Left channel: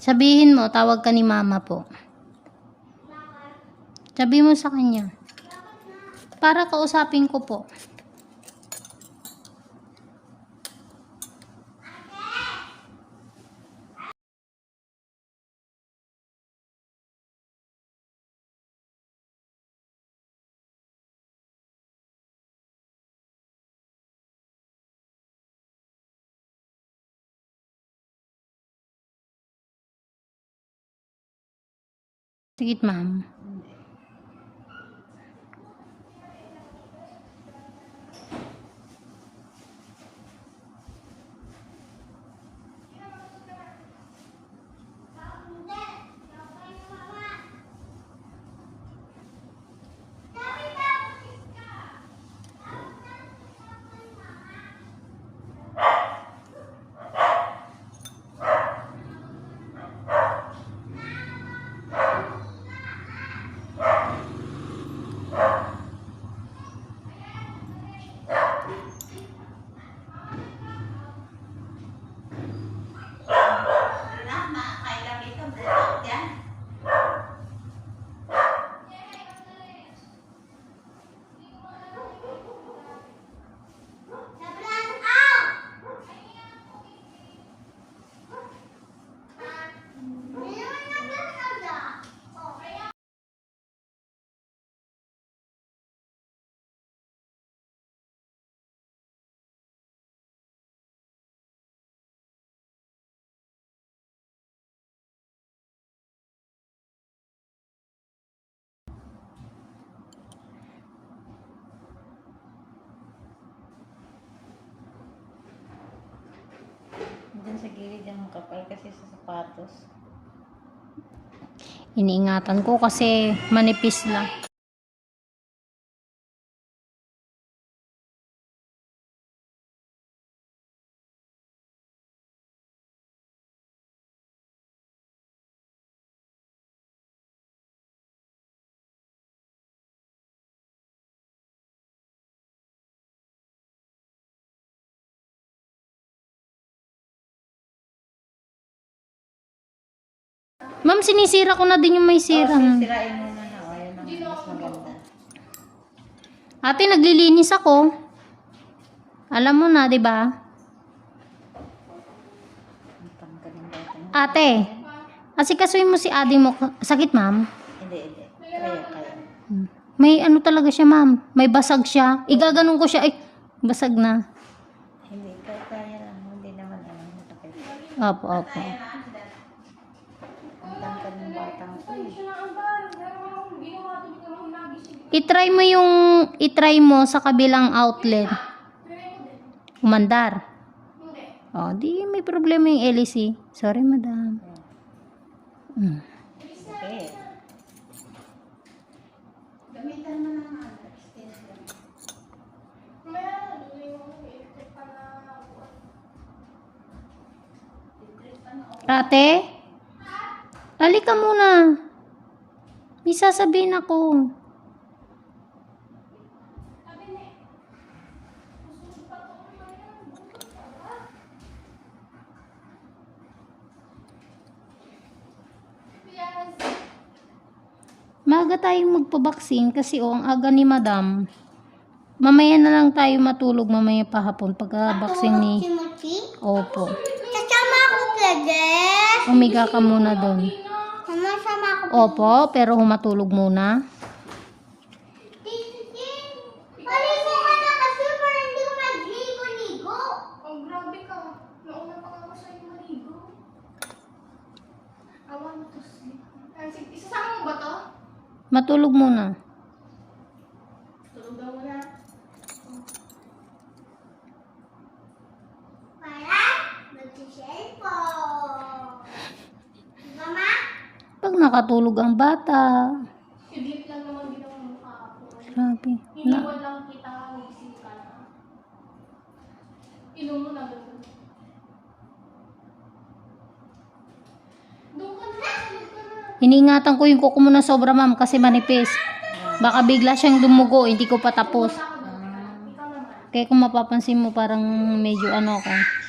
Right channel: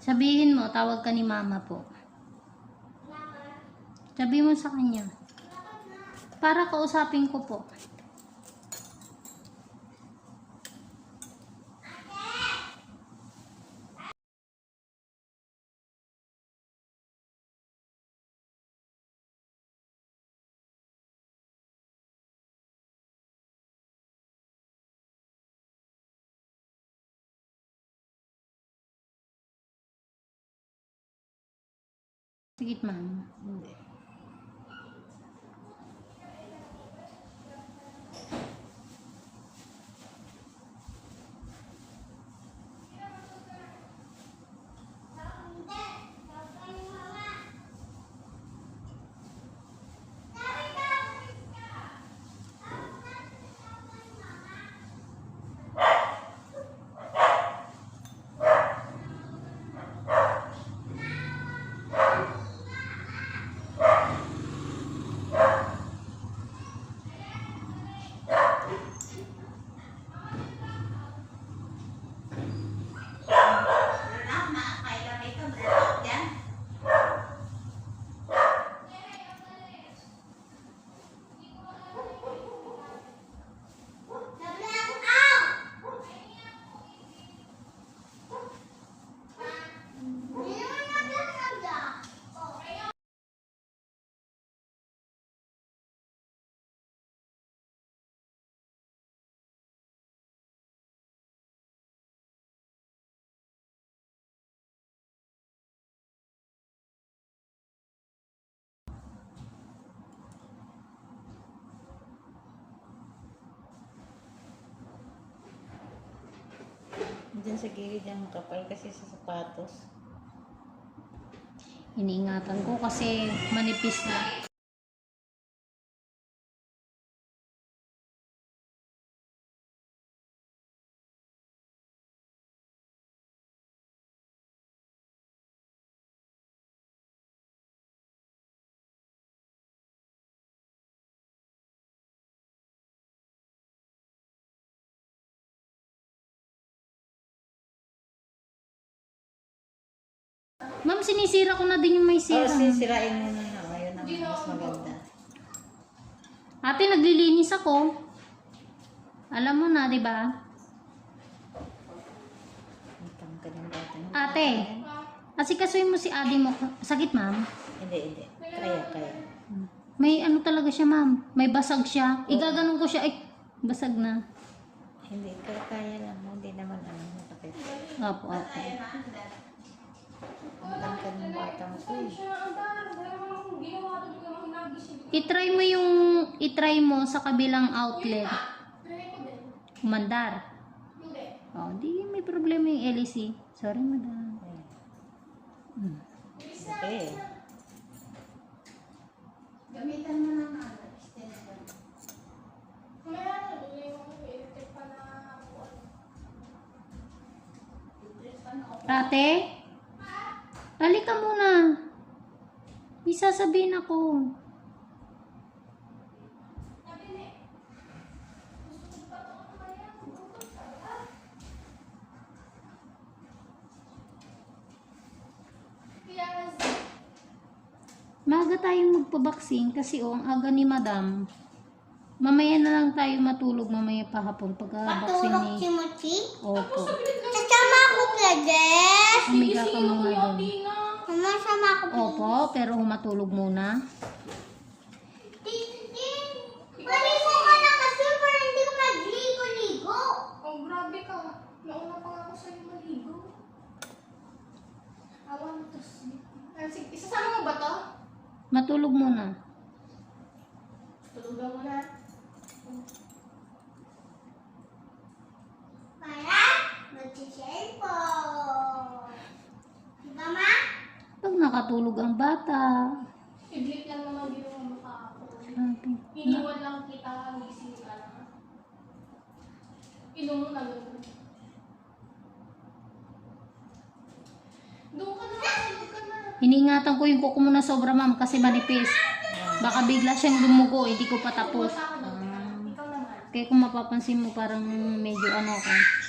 Sabihin mo, tawag ka ni mama po. Sabi mo sa kanya. Para kausapin ko po. Sige, ma'am. Hindi. Diyan sa gilid ang kapal kasi sa sapatos. Iniingatan ko kasi manipis na. Ma'am, sinisira ko na din yung may sira. Oh, sisirain mo na na. Ayun ang mas maganda. Ate, naglilinis ako. Alam mo na, di ba? Ate, asikasuin mo si adi mo. Sakit, ma'am? Hindi, hindi. Kaya, kaya. May ano talaga siya, ma'am. May basag siya. Igaganon ko siya. Ay, basag na. Hindi, kaya, kaya lang. Hindi naman ano, masakit. Opo, opo. I-try mo yung, i-try mo sa kabilang outlet. Umandar. Oh, di may problema yung LEC. Sorry, madam. Mm. Okay. Ate? Halika muna. May sasabihin ako. Maga tayong magpabaksin kasi oh, ang aga ni madam. Mamaya na lang tayo matulog mamaya pa hapon pagka-vaccine ni... Timothy? Opo. Sasama ako pwede? Umiga ka muna doon. Mama, sama ako. Opo, pero humatulog muna. Maligo ka na kasi para hindi ka magligo-ligo. Oh, grabe ka. Nauna pa nga ako sa'yo maligo. Awan to. Sige, isasama mo ba to? Matulog muna. Tulog daw mo na. Para mag-cellphone. Mama? Pag nakatulog ang bata. Idlit lang naman ginawa mo kahapon. Grabe. Iniwan lang kita, gising ka na. Inom mo na doon. Doon ka na, tulog ka na. iningatan ko yung kuko mo na sobra ma'am kasi manipis. Baka bigla siyang dumugo, hindi ko pa tapos. Kaya kung mapapansin mo parang medyo ano ako.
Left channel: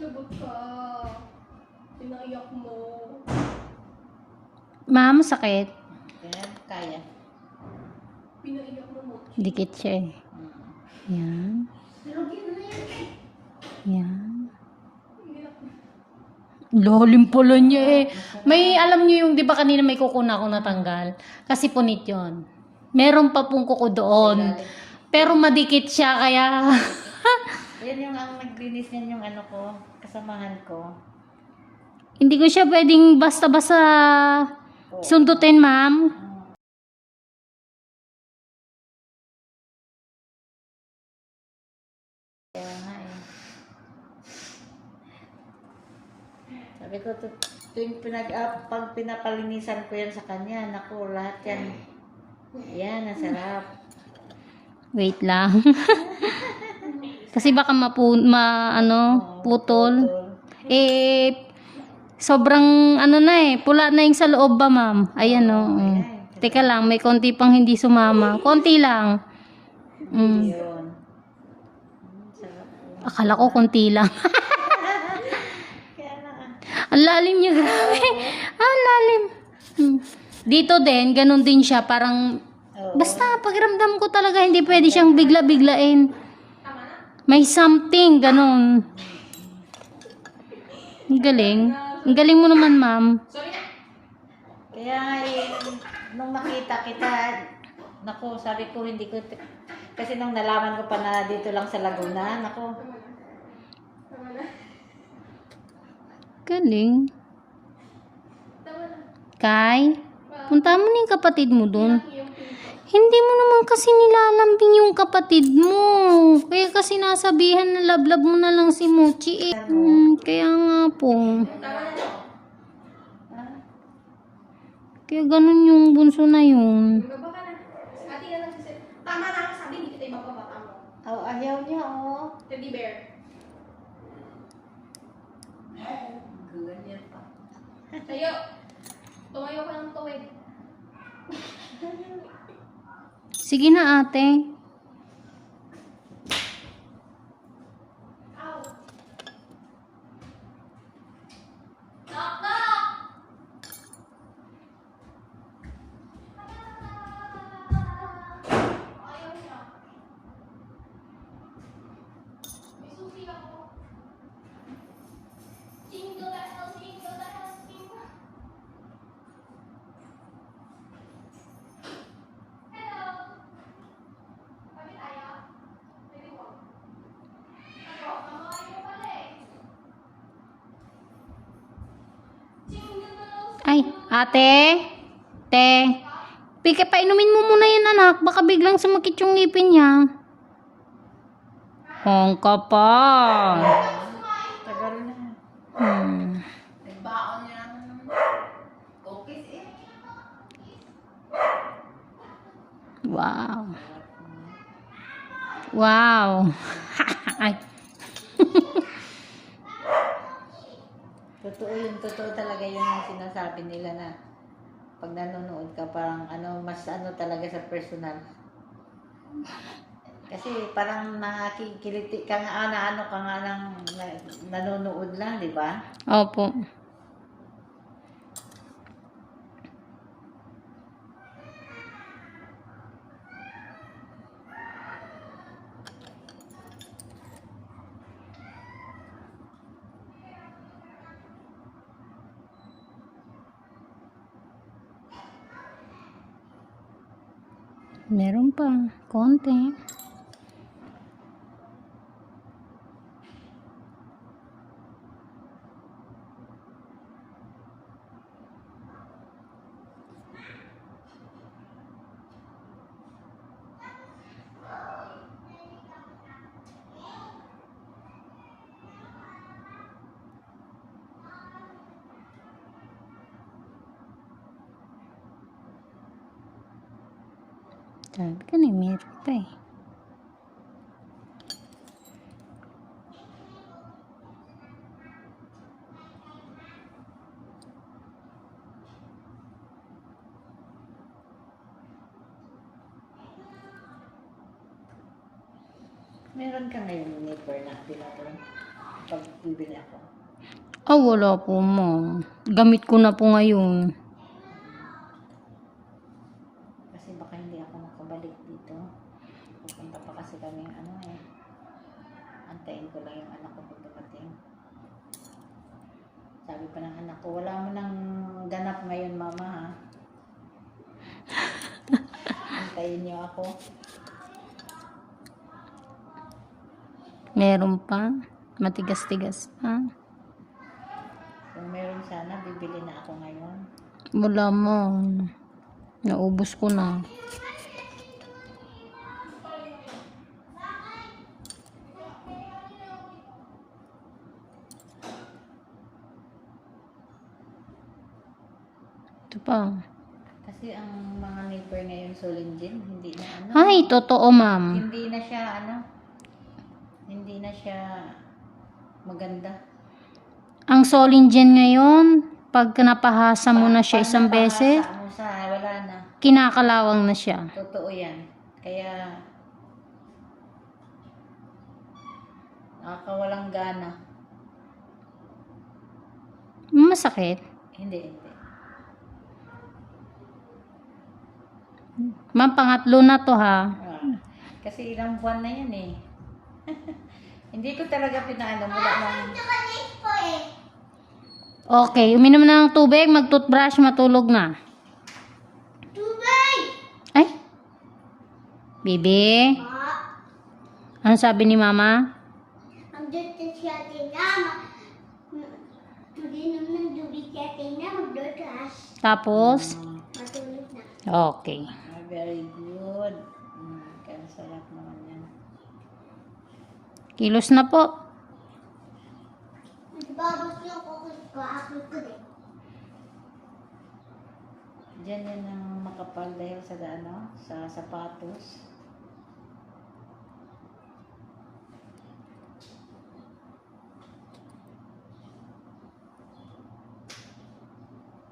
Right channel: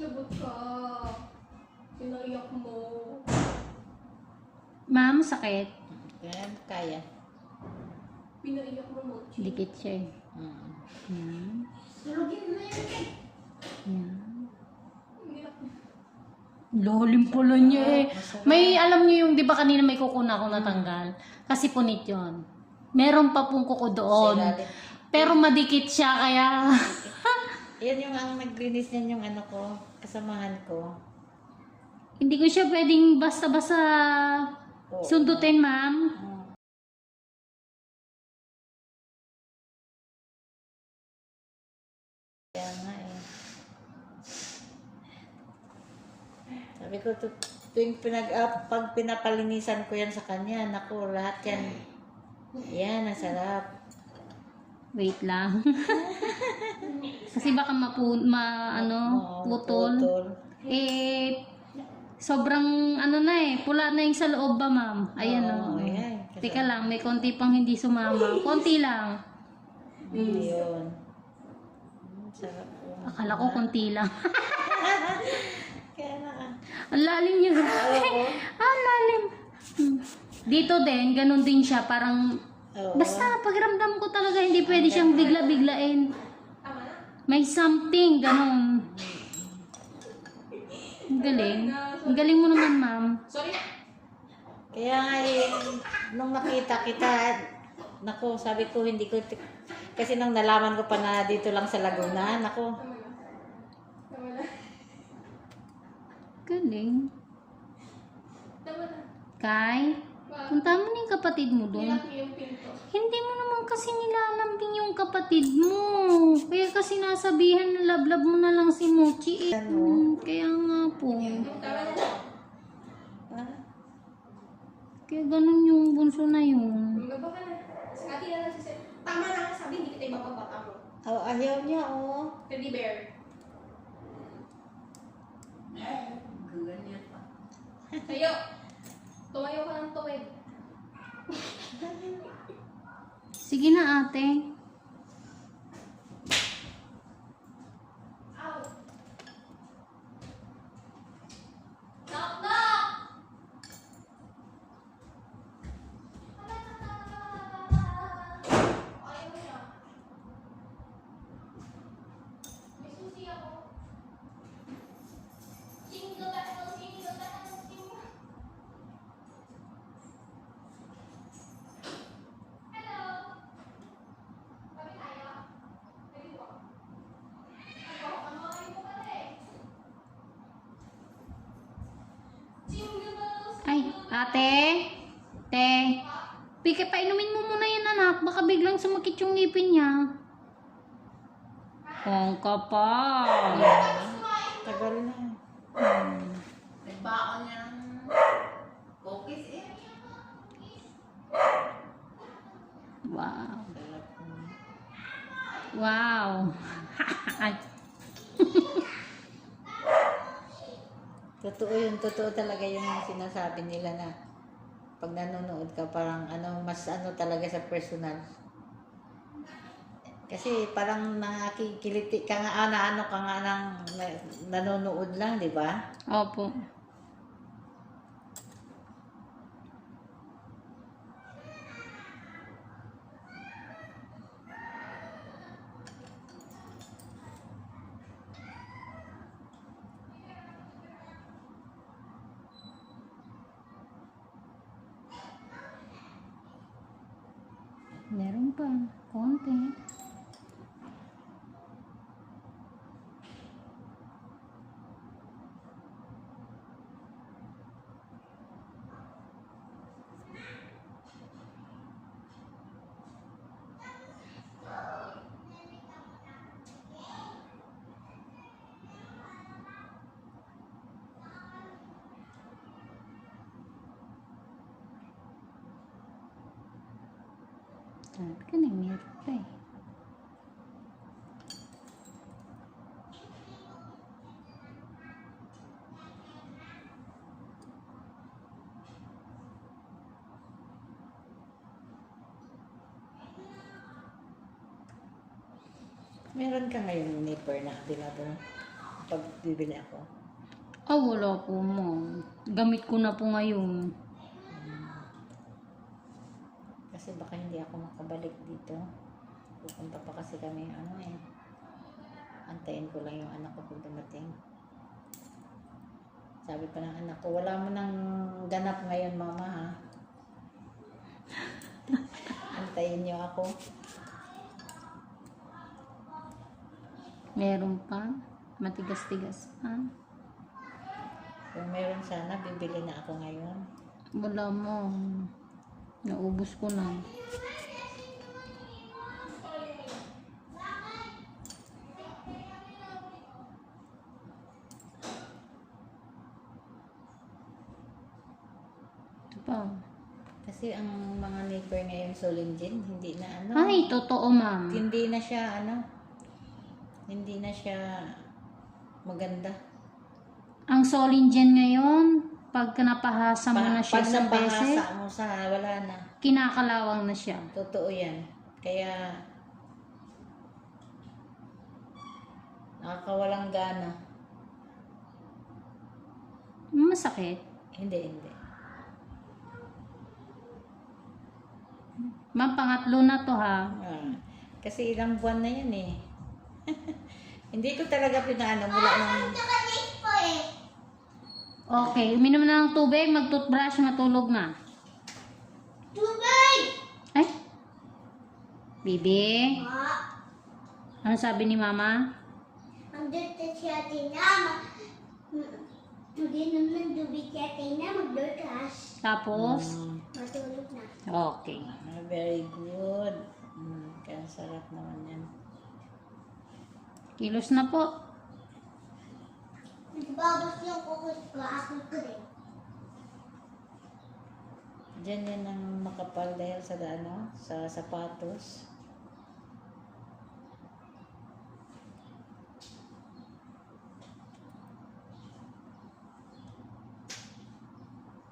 Lagot ka. Pinaiyak mo. Ma'am, sakit. Yan, kaya. Pinaiyak mo mo. Dikit siya eh. Mm. Yan. Yan. Lalim pala niya eh. May, alam niyo yung, di ba kanina may kuko na ako natanggal? Kasi punit yon. Meron pa pong kuko doon. Pero madikit siya, kaya... Yan yung ang naglinis niyan yung ano ko, kasamahan ko. Hindi ko siya pwedeng basta-basta sundutin, ma'am. Eh. Sabi ko, tu- tuwing pinag, ah, pag pinapalinisan ko yan sa kanya, naku, lahat yan. Yan, nasarap. Wait lang. Kasi baka mapu ma ano, putol. Eh sobrang ano na eh, pula na yung sa loob ba, ma'am? Ayan oh. mm. Teka lang, may konti pang hindi sumama. Konti lang. Mm. Akala ko konti lang. Ang lalim niya, grabe. Ah, ang lalim. Hmm. Dito din, ganun din siya. Parang. Basta pakiramdam ko talaga, hindi pwede siyang bigla-biglain. May something, ganun. Ang galing. Ang galing mo naman, ma'am. Kaya nga eh, nung makita kita, naku, sabi ko hindi ko, kasi nung nalaman ko pa na dito lang sa Laguna, naku. Galing. Kai, punta mo na yung kapatid mo dun. Hindi mo naman kasi nilalambing yung kapatid mo. Kaya kasi nasabihan na lablab mo na lang si Mochi eh. Hmm, kaya nga po. Kaya ganun yung bunso na yun. Tama na ang sabi, hindi kita ibababa mo. oh, ayaw niya, oh. Teddy bear. Ganyan pa. Tayo. Tumayo ka ng tuwid. Sige na ate. Ate. Te. Pika, painumin mo muna yan anak. Baka biglang sumakit yung ngipin niya. Hong ka pa. Tagal na. Hmm. Nagbaon cookies eh. Wow. Wow. Totoo yun, totoo talaga yun yung sinasabi nila na pag nanonood ka parang ano, mas ano talaga sa personal. Kasi parang nakikiliti ka nga, na ano ka nga ng na- nanonood lang, di ba? Opo. Meron pa. Konti. Sabi ka na, meron pa eh. Meron ka ngayon nipper na tinapon. pag bibili ako. Ah, wala po ma. Gamit ko na po ngayon. Kasi baka hindi ako makabalik dito. Pupunta pa kasi kami ano eh. Antayin ko lang yung anak ko pag dumating. Sabi pa ng anak ko, wala mo nang ganap ngayon mama ha. Antayin niyo ako. Meron pa. Matigas-tigas pa. Kung meron sana, bibili na ako ngayon. Wala mo. Naubos ko na. Ito pa. Kasi ang mga neighbor ngayon Solinjin, hindi na ano. Ay, totoo ma'am. Hindi na siya ano. Hindi na siya maganda. Ang Solingen ngayon, pag napahasa mo na siya isang beses, mo sa wala na. kinakalawang na siya. Totoo yan. Kaya, nakakawalang gana. Masakit. Hindi, hindi. Ma'am, pangatlo na to ha. Ah, kasi ilang buwan na yan eh. hindi ko talaga pinaano mula nung... Eh. Okay, uminom na ng tubig, mag-toothbrush, matulog na. Tubig! Ay! Bibi, Ma, ano sabi ni mama? ang dito si ate na. ma- m- Mag-inom ng tubig si ate na. Magdutas. Tapos? Matulog na. Okay. Very good. Mm, kaya sarap naman yan. Kilos na po. Diyan yan ang makapal dahil sa ano, sa sapatos.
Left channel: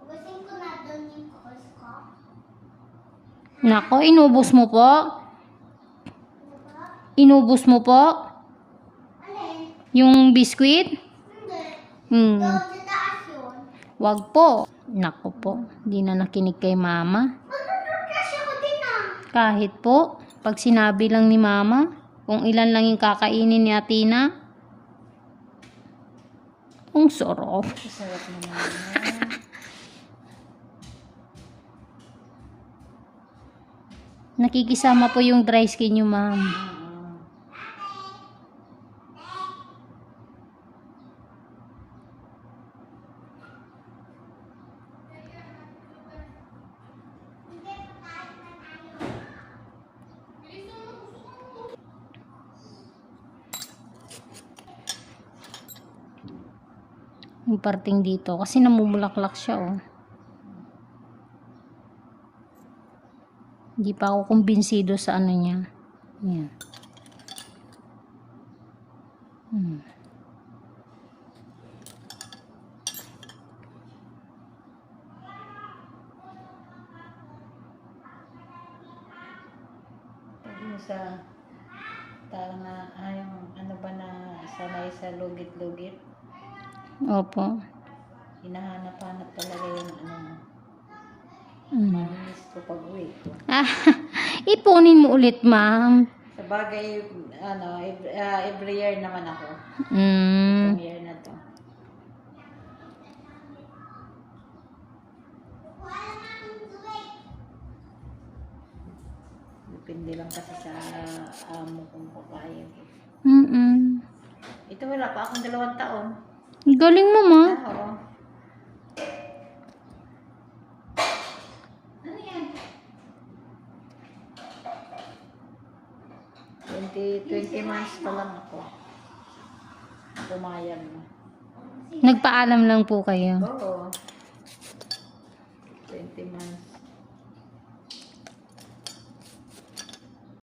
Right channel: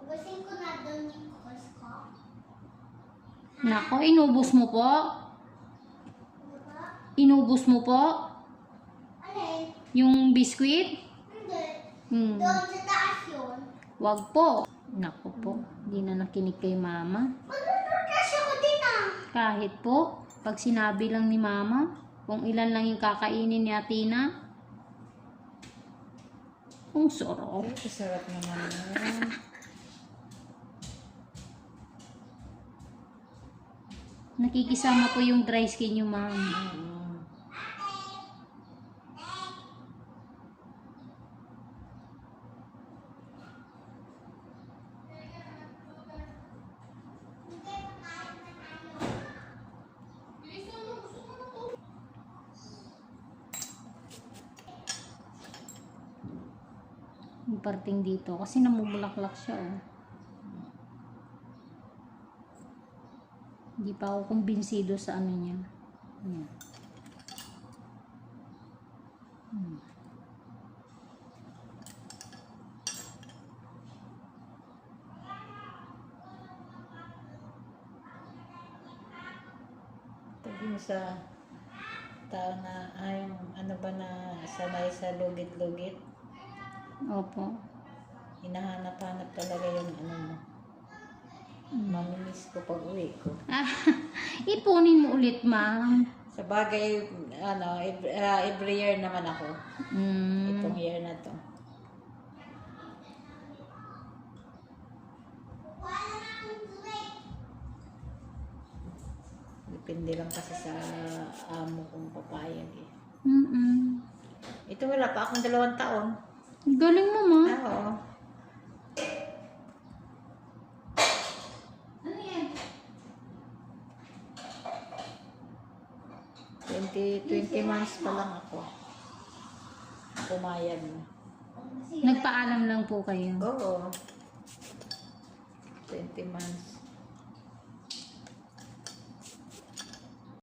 Ugasin ko na doon yung kukos ko. Nako, inubos mo po. Inubos mo po. Yung biskwit. Hindi. Hmm. Wag po. Nako po. Hindi na nakinig kay mama. Ah. Kahit po, pag sinabi lang ni mama, kung ilan lang yung kakainin ni Atina, ang sarap. Nakikisama po yung dry skin nyo, ma'am. Yung parting dito. Kasi namumulaklak siya, oh. Hindi pa ako kumbinsido sa ano niya. Yan. Hmm. Yung sa tao na, ah, yung ano ba na sanay sa lugit-lugit, Opo. hinahanap-hanap talaga yung ano mo. Mm. Mamimiss ko pag uwi ko. Ah, ipunin mo ulit, ma'am. Sa bagay, ano, every, ah, every year naman ako. Mm. Itong year na to. Depende lang kasi sa amo kong papayag eh. Mm-mm. Ito wala pa akong dalawang taon. Galing mo, ma. Ah, oo. Ano yan? 20, 20 months pa lang ako. Pumayag mo. Nagpaalam lang po kayo. Oo. 20 months.